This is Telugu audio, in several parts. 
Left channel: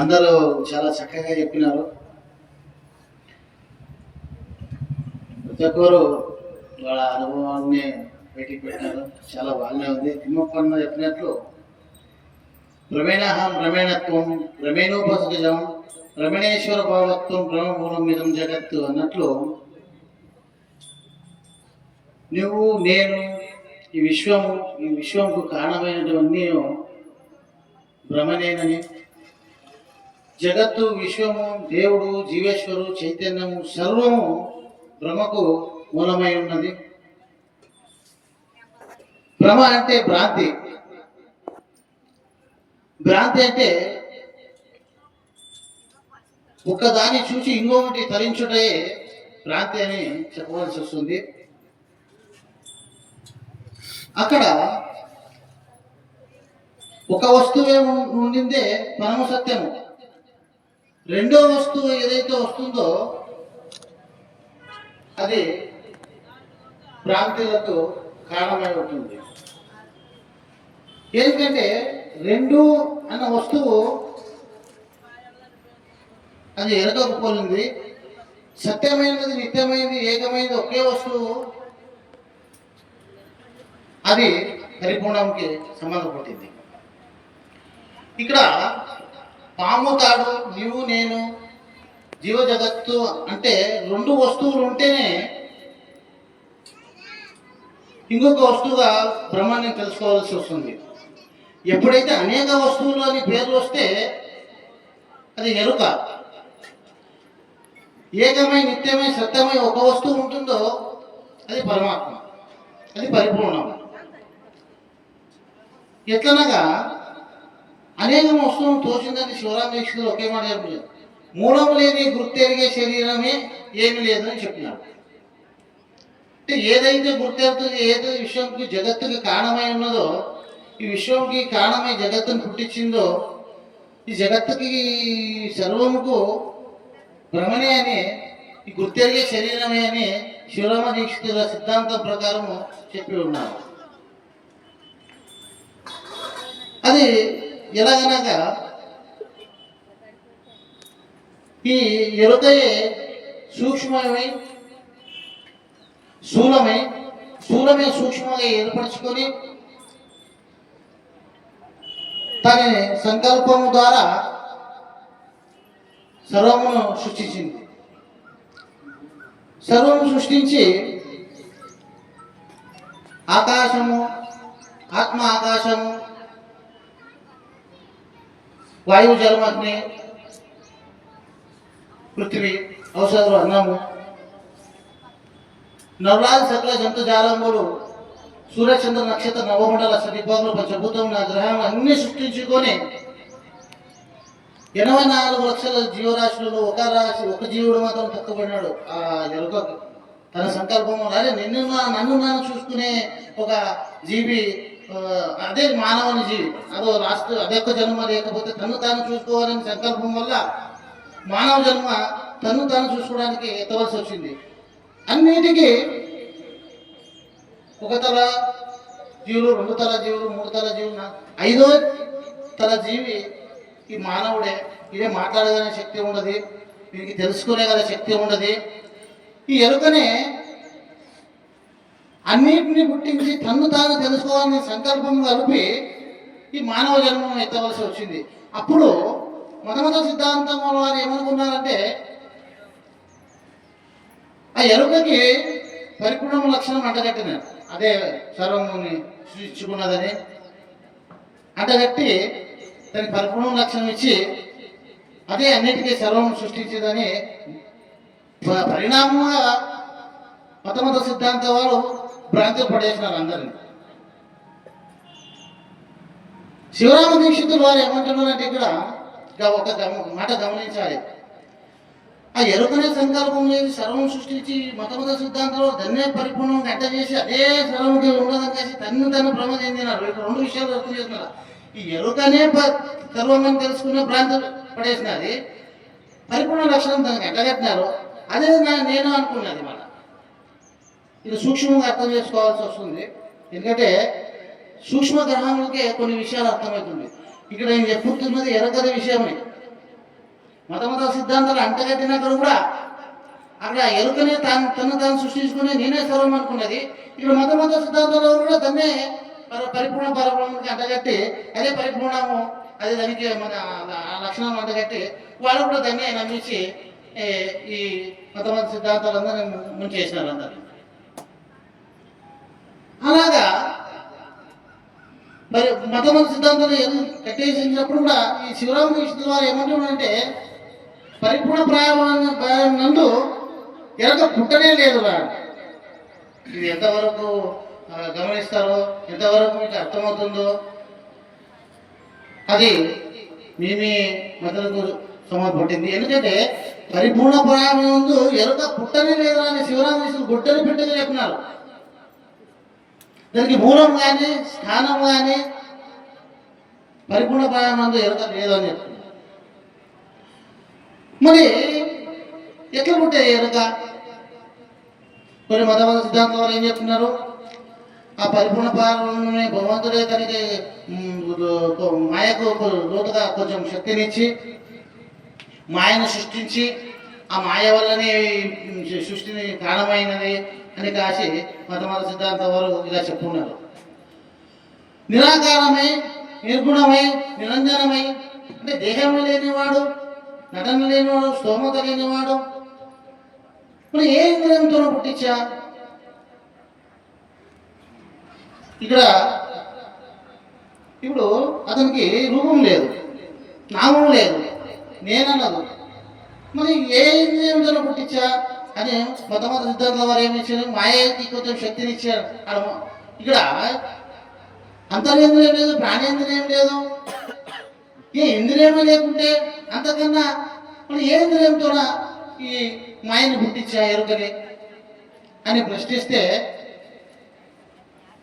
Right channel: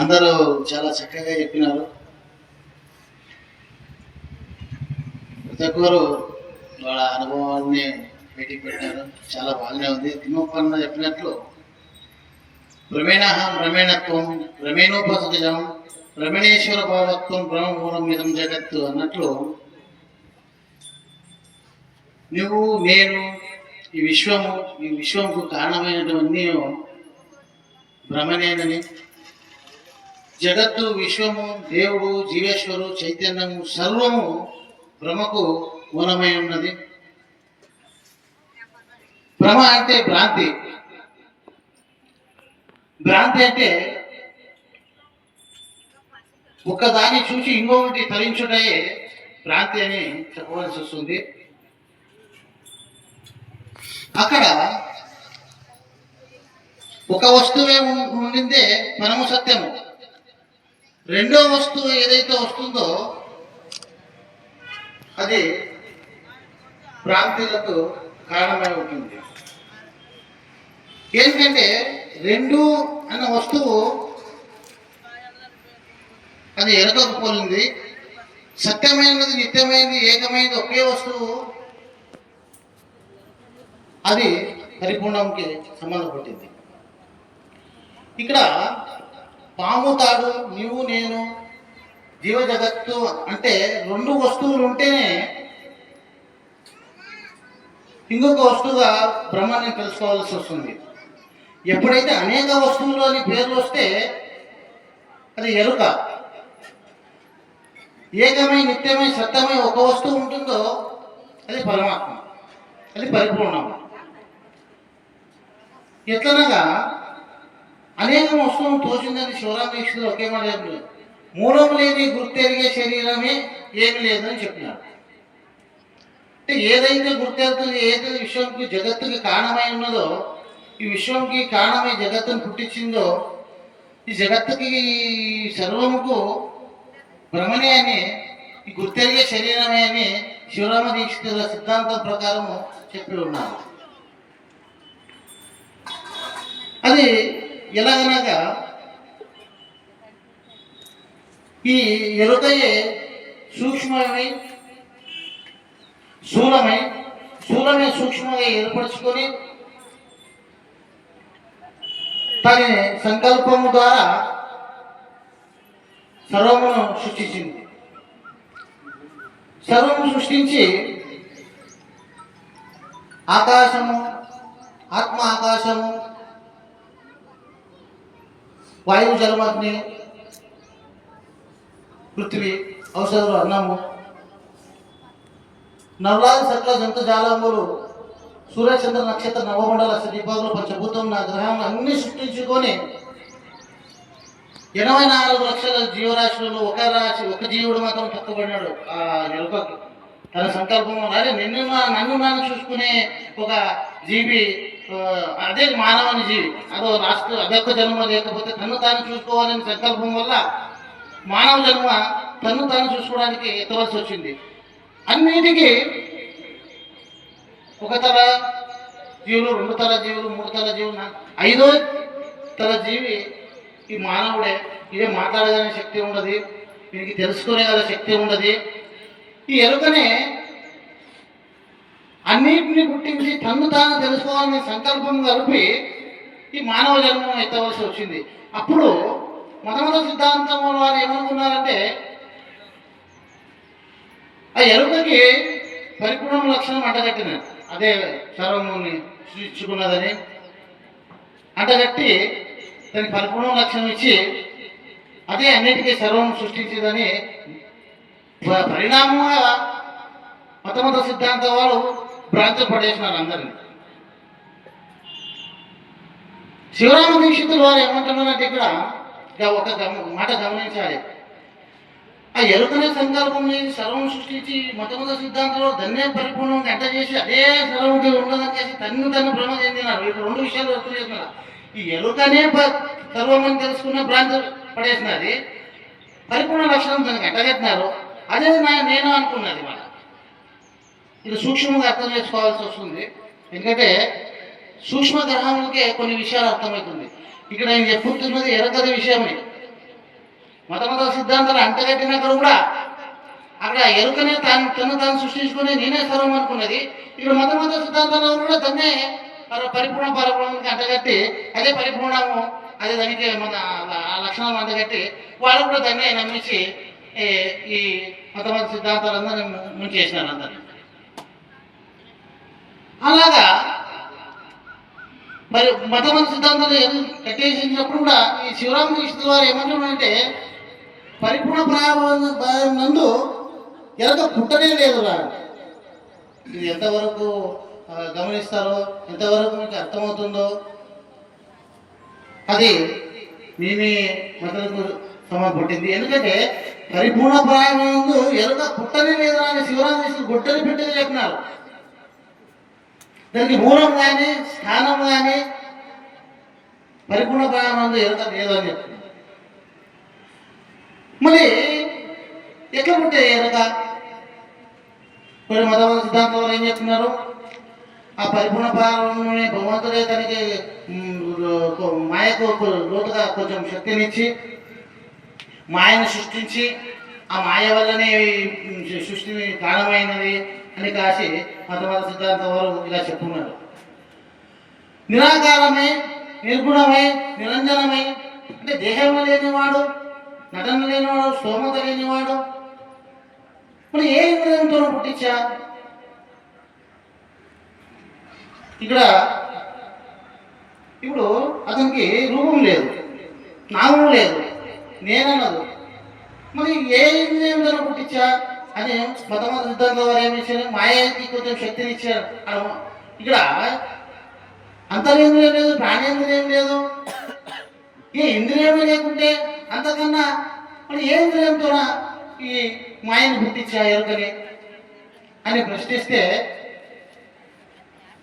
అందరూ చాలా చక్కగా చెప్పినారు. ప్రతి ఒక్కరు వాళ్ళ అనుభవాన్ని బయటికి పెట్టినారు. చాలా బాగానే ఉంది. తిమ్మప్పన్న చెప్పినట్లు ప్రమేణహం ప్రమేణత్వం ప్రమేణోపసజం ప్రమేణేశ్వర భావత్వం బ్రహ్మమూలం ఇదం జగత్తు అన్నట్లు నువ్వు నేను ఈ విశ్వంకు కారణమైనటువన్నీ బ్రహ్మనేనని, జగత్తు విశ్వము దేవుడు జీవేశ్వరు చైతన్యము సర్వము బ్రహ్మకు మూలమై ఉన్నది. భ్రమ అంటే భ్రాంతి. భ్రాంతి అంటే ఒక్కదాన్ని చూసి ఇంకొకటి తరించుటే భ్రాంతి అని చెప్పవలసి వస్తుంది. అక్కడ ఒక వస్తువే ఉండిందే పరమ సత్యము. రెండో వస్తువు ఏదైతే వస్తుందో అది భ్రాంతులకు కారణమై ఉంటుంది. ఏంటంటే రెండు అన్న వస్తువు అది ఎరగకపోయింది. సత్యమైనది, నిత్యమైనది, ఏకమైనది ఒకే వస్తువు అది పరిపూర్ణంకి సంబంధపడింది. ఇక్కడ పాము తాడు, నీవు నేను, జీవ జగత్తు అంటే రెండు వస్తువులు ఉంటేనే ఇంకొక వస్తువుగా బ్రహ్మాన్ని తెలుసుకోవాల్సి వస్తుంది. ఎప్పుడైతే అనేక వస్తువులు అని పేర్లు వస్తే అది ఎరుక. ఏకమై నిత్యమై సత్యమై ఒక వస్తువు ఉంటుందో అది పరమాత్మ, అది పరిపూర్ణం. ఎట్లనగా అనేక వస్తువులు తోచిందని శివరామేశ్వరుడు ఒకే మాట చెప్పారు. మూలం లేని గుర్తెరిగే శరీరమే ఏమి లేదని చెప్పినాడు. అంటే ఏదైతే గుర్తెరుగుతుంది, ఏదైతే విశ్వంకి జగత్తుకి కారణమై ఉన్నదో, ఈ విశ్వంకి కారణమై జగత్తును పుట్టించిందో, ఈ జగత్తుకి సర్వముకు భ్రమణే అని, ఈ గుర్తెరిగే శరీరమే అని శివరామ దీక్షితుల సిద్ధాంతం ప్రకారము చెప్పి ఉన్నారు. అది ఎలాగనగా ఈ ఎరుకయే సూక్ష్మమై స్థూలమే సూక్ష్మంగా ఏర్పరచుకొని తన సంకల్పము ద్వారా సర్వమును సృష్టించింది. సర్వము సృష్టించి ఆకాశము, ఆత్మ ఆకాశము, వాయువు జలమగ్ని, పృథ్వీ, ఔషధాలు, అన్నము, నవలాది సకల జంతుజాలంబులు, సూర్యచంద్ర నక్షత్ర నవమండల సదీపాలు, పంచభూతం, నా గ్రహాలను అన్ని సృష్టించుకొని 84 లక్షల జీవరాశులలో ఒక జీవుడు మాత్రం తక్కువబడినాడు. ఆ ఎరుకకి తన సంకల్పం అదే నన్ను చూసుకునే ఒక జీవి, అదే మానవుని జీవి. అదొక్క జన్మ, లేకపోతే తను తాను చూసుకోవాలని సంకల్పం వల్ల మానవ జన్మ తను తాను చూసుకోవడానికి ఎత్తవలసి వచ్చింది. అన్నిటికీ ఒక తల జీవులు, 2 తల జీవులు, 3 తల జీవులు, 5వ తల జీవి ఈ మానవుడే. ఇదే మాట్లాడేదనే శక్తి ఉండదు, దీనికి తెలుసుకునే కదా శక్తి ఉండదు. ఈ ఎరుకనే అన్నిటిని పుట్టించి తను తాను తెలుసుకోవాలని సంకల్పం కలిపి ఈ మానవ జన్మం ఎత్తవలసి వచ్చింది. అప్పుడు మొట్టమొదటి సిద్ధాంతం వారు ఏమనుకున్నారంటే ఆ ఎరుకకి పరిపూర్ణ లక్షణం అంటగట్టిన, అదే సర్వముని సృష్టించుకున్నదని అంటగట్టి దానికి పరిపూర్ణ లక్షణం ఇచ్చి అదే అన్నిటికీ సర్వం సృష్టించిందని పరిణామంగా మొట్టమొదటి సిద్ధాంతం వారు భ్రాంతులు పడేసినారు అందరినీ. శివరామ దీక్షితులు వారు ఏమంటున్నారంటే ఇక్కడ ఒక మాట గమనించాలి. ఆ ఎరుకనే సంకల్పం లేని సర్వం సృష్టించి మొట్టమొదటి సిద్ధాంతంలో దాన్నే పరిపూర్ణంగా ఎంట చేసి అదే సర్వముకి ఉండదని చేసి తను భ్రమ చెందినారు. ఇక్కడ 2 విషయాలు వ్యక్తం చేస్తున్నారు. ఈ ఎరుకనే సర్వమని తెలుసుకున్న భ్రాంతులు పడేసినది, పరిపూర్ణ లక్షణం దానికి ఎంటగట్టినారు. అదే నేను అనుకున్నది. మన ఇది సూక్ష్మంగా అర్థం చేసుకోవాల్సి వస్తుంది. ఎందుకంటే సూక్ష్మ గ్రహములకే కొన్ని విషయాలు అర్థమవుతుంది. ఇక్కడ నేను చెప్పుతున్నది ఎరకద విషయమే. మత సిద్ధాంతాలు అంటగట్టినక్కడ కూడా అక్కడ ఎరుకనే తను సృష్టించుకుని నేనే సర్వం అనుకున్నది. ఇక్కడ మత సిద్ధాంతాలలో కూడా దాన్నే పరిపూర్ణ పరబ్రహ్మకి అంటగట్టి అదే పరిపూర్ణము, అదే దానికి మన లక్షణం అంటగట్టి వాళ్ళు కూడా దాన్నే నమ్మించి ఈ మత సిద్ధాంతాలందరూ ముంచేసినారు అందరినీ. అలాగా మరి మత సిద్ధాంతాలు కట్టేసినప్పుడు కూడా ఈ శివరామకృష్ణ వారు ఏమంటున్నారంటే పరిపూర్ణ ప్రాయం నందు ఎరక పుట్టనే లేదు రా. ఇది ఎంతవరకు గమనిస్తారో, ఎంతవరకు మీకు అర్థమవుతుందో అది మీ మతలకు పుట్టింది. ఎందుకంటే పరిపూర్ణ ప్రాయం నందు ఎరక పుట్టనే లేదు అని శివరామకృష్ణ గుట్టలు పెట్టని చెప్పినారు. దానికి మూలం కానీ స్థానం కానీ పరిపూర్ణ ప్రాయం నందు ఎరక లేదు అని చెప్తున్నారు. మరి ఎట్లా పుట్టాయి ఎరక? కొన్ని మత సిద్ధాంతం వాళ్ళు ఏం చెప్తున్నారు, ఆ పరిపూర్ణ ప్రారంభమే భగవంతుడే తనకి మాయకు లోతుగా కొంచెం శక్తినిచ్చి మాయను సృష్టించి ఆ మాయ వల్లనే సృష్టిని కారణమైనది అని కాసి మత సిద్ధాంతం వారు ఇలా చెప్పుకున్నారు. నిరాకారమే, నిర్గుణమే, నిరంజనమే అంటే దేహంలో లేనివాడు, నటన లేనివాడు, స్తోమత లేనివాడు, మరి ఏ ఇంద్రియంతో పుట్టించా? ఇక్కడ ఇప్పుడు అతనికి రూపం లేదు, నామం లేదు, నేనన్నదు, మరి ఏ ఇంద్రియంతో పుట్టించా అని మత సిద్ధాంతం వారు ఏమి ఇచ్చారు? మాయకి కొంచెం శక్తిని ఇచ్చారు. ఇక్కడ అంతర్ఇంద్రియం లేదు, ప్రాణేంద్రియం లేదు, ఏ ఇంద్రియమే లేకుంటే అంతకన్నా మరి ఏ ఇంద్రియంతో ఈ మాయను పుట్టించా ఎరుకని అని ప్రశ్నిస్తే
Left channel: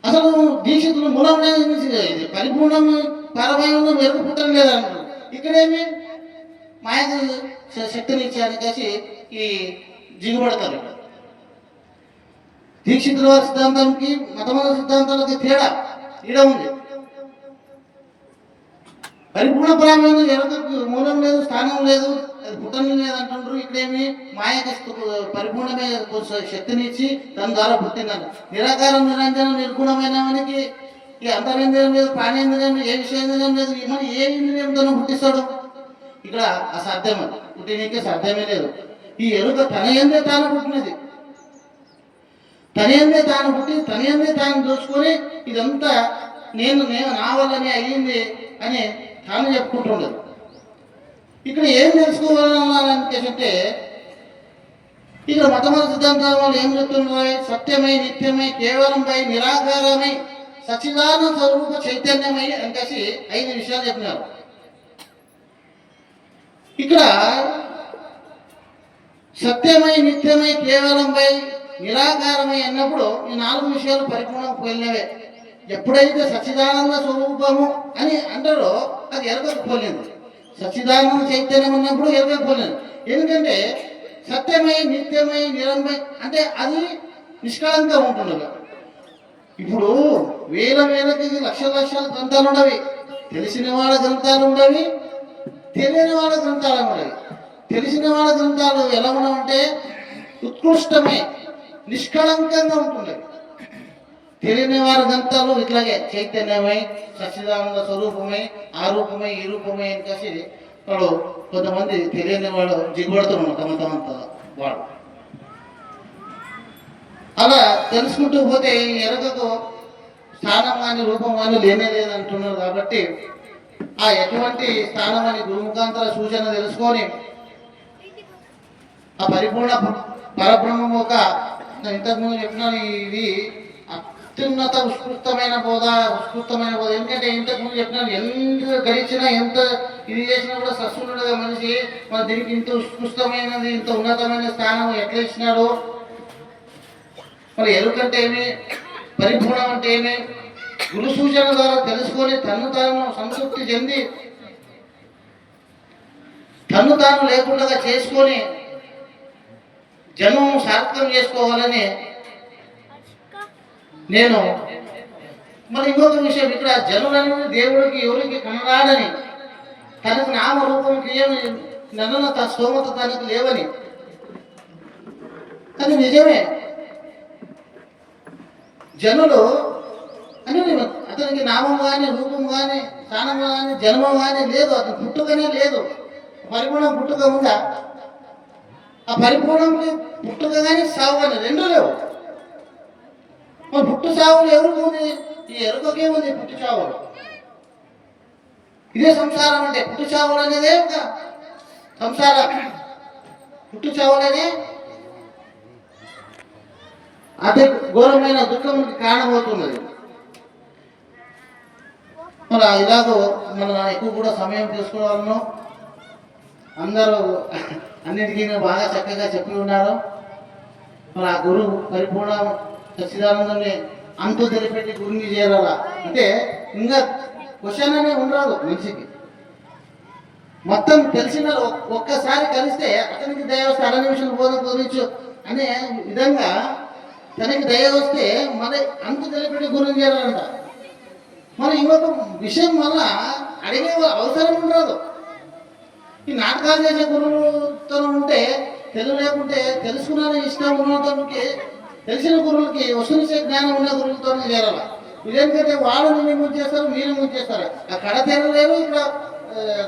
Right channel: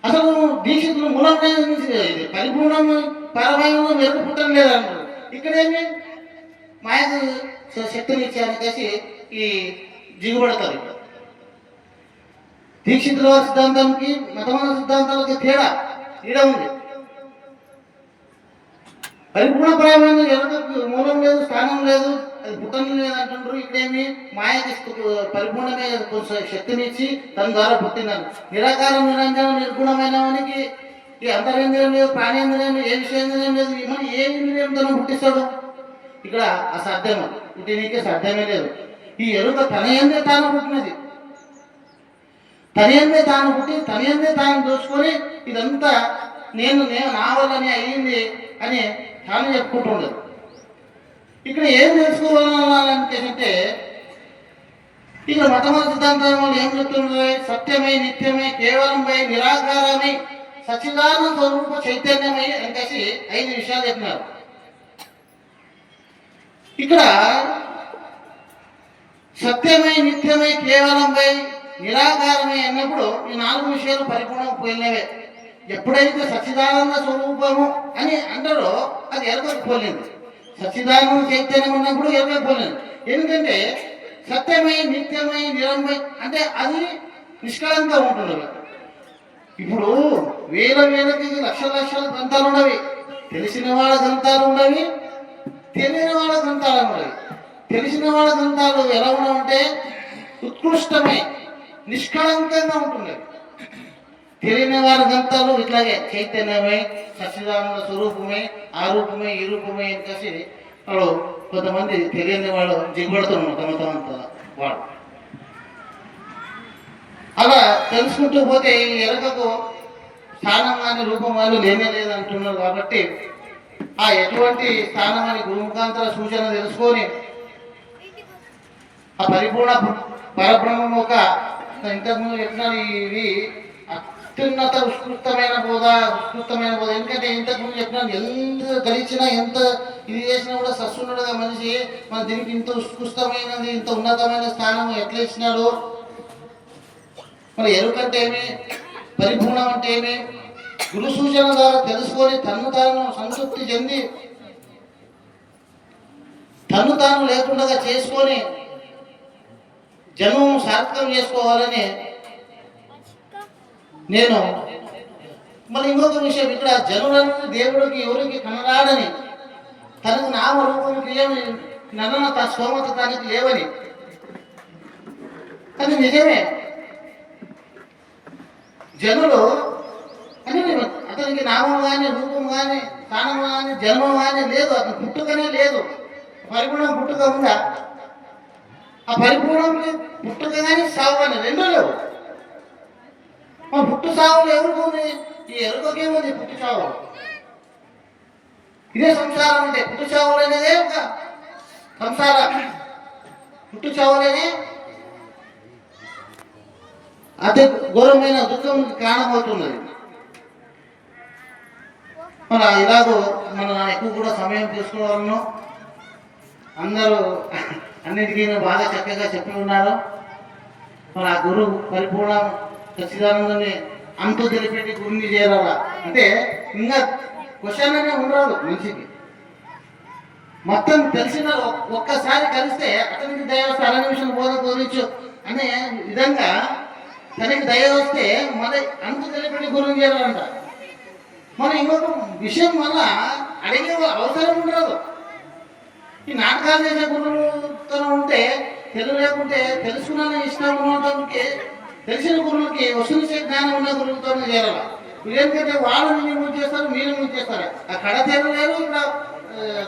అసలు దీక్షితులు మూలంగా ఇది పరిపూర్ణం పరమాయంలో ఎరుక పుట్టడం లేదంటారు. ఇక్కడేమి మాయకు శక్తిని ఇచ్చారని కలిసి ఈ దిగుబడతారు. ఇక్కడ దీక్షితుల సిద్ధాంతానికి మత సిద్ధాంతాలకి తేడా ఈడ ఉంది. పరిపూర్ణ ప్రారంభంలో ఎవరికి మూలం లేదు, స్థానం లేదు, అది పుట్టడం లేదు అంటుండ్రు. ఇక్కడేమి మాయకి పరిపూర్ణమే శక్తినిచ్చి దాని ద్వారా పుట్టినాను. నిరాకారం, నిరంజనం, నిర్గుణమైన వానికి ఈ అంతరేంద్రియం లేదు, ప్రాణేంద్రియం, ఏ విషయేంద్రియం లేదు, మరి ఏ ఇంద్రియంతో పుట్టిస్తాడు? ఇక్కడ అసాధ్యం, అది పుట్టినీకే సాధ్యమే లేదు. ఈ ఎరుక తన ఏందే తాను పుట్టినది, తన ఏందే తాను పుట్టి తన ఏందే తాను దోచుకొని ఇదంతా నేను నా వల్లనే అయ్యింది అని తాను చెప్పుకుంటుండదు. ఇక్కడ ఏం తెలుసుకోవాలంటే ఇక్కడ మొట్టమొదటి సిద్ధాంతం వాళ్ళు ఏం చెప్తున్నారు? సత్యమై, నిత్యమై, కేవలంపై, నిరాకారమై, సచ్చిదానంద స్వరూప చైతన్యమై అని కలిసి 5 విషయాలు చెప్పినారు. ఇక్కడ సత్యమై, నిత్యమై, కేవలంపై, నిరాకారమై అన్నప్పుడు ఈ 4 విషయాలు పరిపూర్ణం పోయినవే. ఎప్పుడైతే సచ్చిదానంద స్వరూపము అని అంటారో అది ఎరగకపోలేదు. సచ్చిదానంద చైతన్యం ఉన్నప్పుడు ఎరగకపోలేదు. ఎందుకంటే సత్యమై, నిత్యమై, నిరంజనమై అంటే అది నిష్కళంగా ఉంటుంది. ఇప్పుడు వేలకి లక్షల గ్రంథాలు ఉన్నవి, తెలిసిన వాళ్ళ గ్రంథాలు ఉన్నవి, తెలియని వాళ్ళ గ్రంథాలు ఉన్నవి. తెలిసిన వాళ్ళ గ్రంథాలు ఎలా ఉన్నాయంటే ఉత్కృష్టమై నిష్కళంకంగా ఉంటున్నాయి. తెలియని వారి గ్రంథాలు ఇట్లాగే చైతన్యమై, సచ్చిదానంద స్వరూపమే, ఆ రూపమే, ఈ రూపమే అని కలిసి వాళ్ళు కొంతమంది తెలియని వాళ్ళు జిగబడుతున్నారు తమంతా వాళ్ళు. అలా తెలుసుకుంటూ పోతే ఈ ఎరకకు స్థానం కానీ రూపం కానీ లేనే లేదంటున్నారు. కాబట్టి ఆ ఎటువంటి స్థానం అని గురుముఖాంతర సూచన తెలుసుకొని ఆ పరిపూర్ణ పరబ్రహ్మం ఒక ఇంతకుముందు చెప్పిన ఇది అత్యున్నత ఉత్కృష్టమైన బోధ. ఎందుకంటే ఇంతకుముందు చెప్పినాను, ఎంత గడిచినా ఎంత ఇది చేసినా కూడా సస్సునుడుగా మనిషి మన దీనికి ఇంత ఉత్కృష్టమైనది, ఇంత ఉన్నతమైన స్థానం ఎట్లా ఇచ్చినాడు. మరి ఎరుకంటే ఏమి, పరిపూర్ణం అంటే ఏమి, గురు సూచన ద్వారా తెలుసుకొని తను తాను సంతృప్తి చెంది తను తాను లేకుండా చేసుకొని జన్మం సార్థకం చేసుకోవాలని నేను. మరి ఇంకొక విషయం, ఇక్కడ జనులను దేవుడికి ఎవరికి కనరాడని తనకు నామరూపం నన్ను స్తోమత దానికి లేవని. కానీ నిజమే, జనులు అని అతనికి నామం కానీ రూపం కానీ స్థానం కానీ జన్మం కానీ లేదు, అతను పుట్టుకనే లేదు. పరిపూర్ణం పుట్టుక ఉందా? ఆ పరిపూర్ణం పుట్టుక కానీ సావు కానీ రెండు లేవు. పుట్టు సావులు ఎవరికి ఉంది? ఈ ఎరుకకే ఉంది పుట్టు సావులు. ఇదే సంసారం అంటే పుట్టు చావులు అనేదే ఒక సంసారం. పుట్టు చావులనే అతి ఘోరమైన దుఃఖం కారణమవుతున్నది. మన ఇలాగో మనం ఎక్కువ కూడా సమయం తీసుకోవాలను. అందరూ అన్నిటికీ బాగా చక్కగా చెప్పి ఉన్నారు. మన ఆ గురువు పరిపూర్ణ సచ్చిదానందని అంతు తెలిపెట్టి గురిని చేరాల అంటే ఇంకా క్వశ్చన్ అనే ఉండదు మనిషికి. మొత్తం తెలిసిన ఒక్కసారి కలిస్తే అతనికి దయ వస్తే అర నిమిషం బోధించు అనే విధంగా తనకి దయ వస్తే మన అంతు తెలిపెట్టి గురిని చేరాలంట. మరి ఇంకొక విషయం వల్ల అడిగే అవసరం ఉండదు. ఈ నాటకాలు చేసే గురువుతనం ఉంటే తెలుగు లేకుంటే తెలుసుకున్న ఇష్టం ఉన్నతనికి తెలిసిన గురువులకి వసూలు జ్ఞానం ఉన్న గురువులతోనే చేరాలి. ఇదేంటంటే వాళ్ళు మీరు చేస్తారు, మీరు ముంచేస్తారు. ఆ కడ తెరలేరు. ఇక్కడ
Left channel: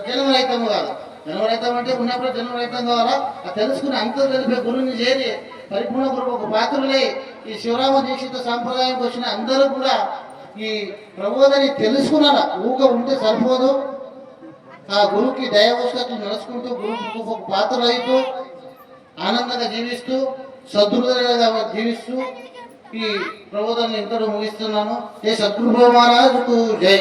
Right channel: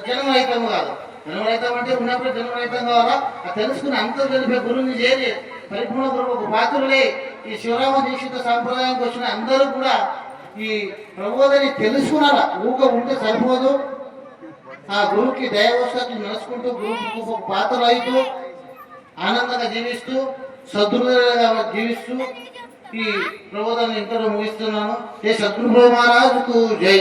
జన్మరహితం కాదు. జన్మరహితం అంటే ఉన్నప్పుడు జన్మరహితం కావాలా. ఆ తెలుసుకుని అంత తెలిపే గురువుని చేరి పరిపూర్ణ గురువు ఒక పాత్రలే ఈ శివరామ దీక్షిత సాంప్రదాయానికి వచ్చిన అందరూ కూడా ఈ ప్రబోధని తెలుసుకున్నారా. ఊక ఉంటే సరిపోదు. ఆ గురువుకి దైవవస్థలు నడుచుకుంటూ గురువుకు ఒక పాత్ర అవుతూ ఆనందంగా జీవిస్తూ సద్గురుగా జీవిస్తూ ఈ ప్రబోధాన్ని ఇంతలో ముగిస్తున్నాను. ఏ సద్గురు మహారాజుకు జై.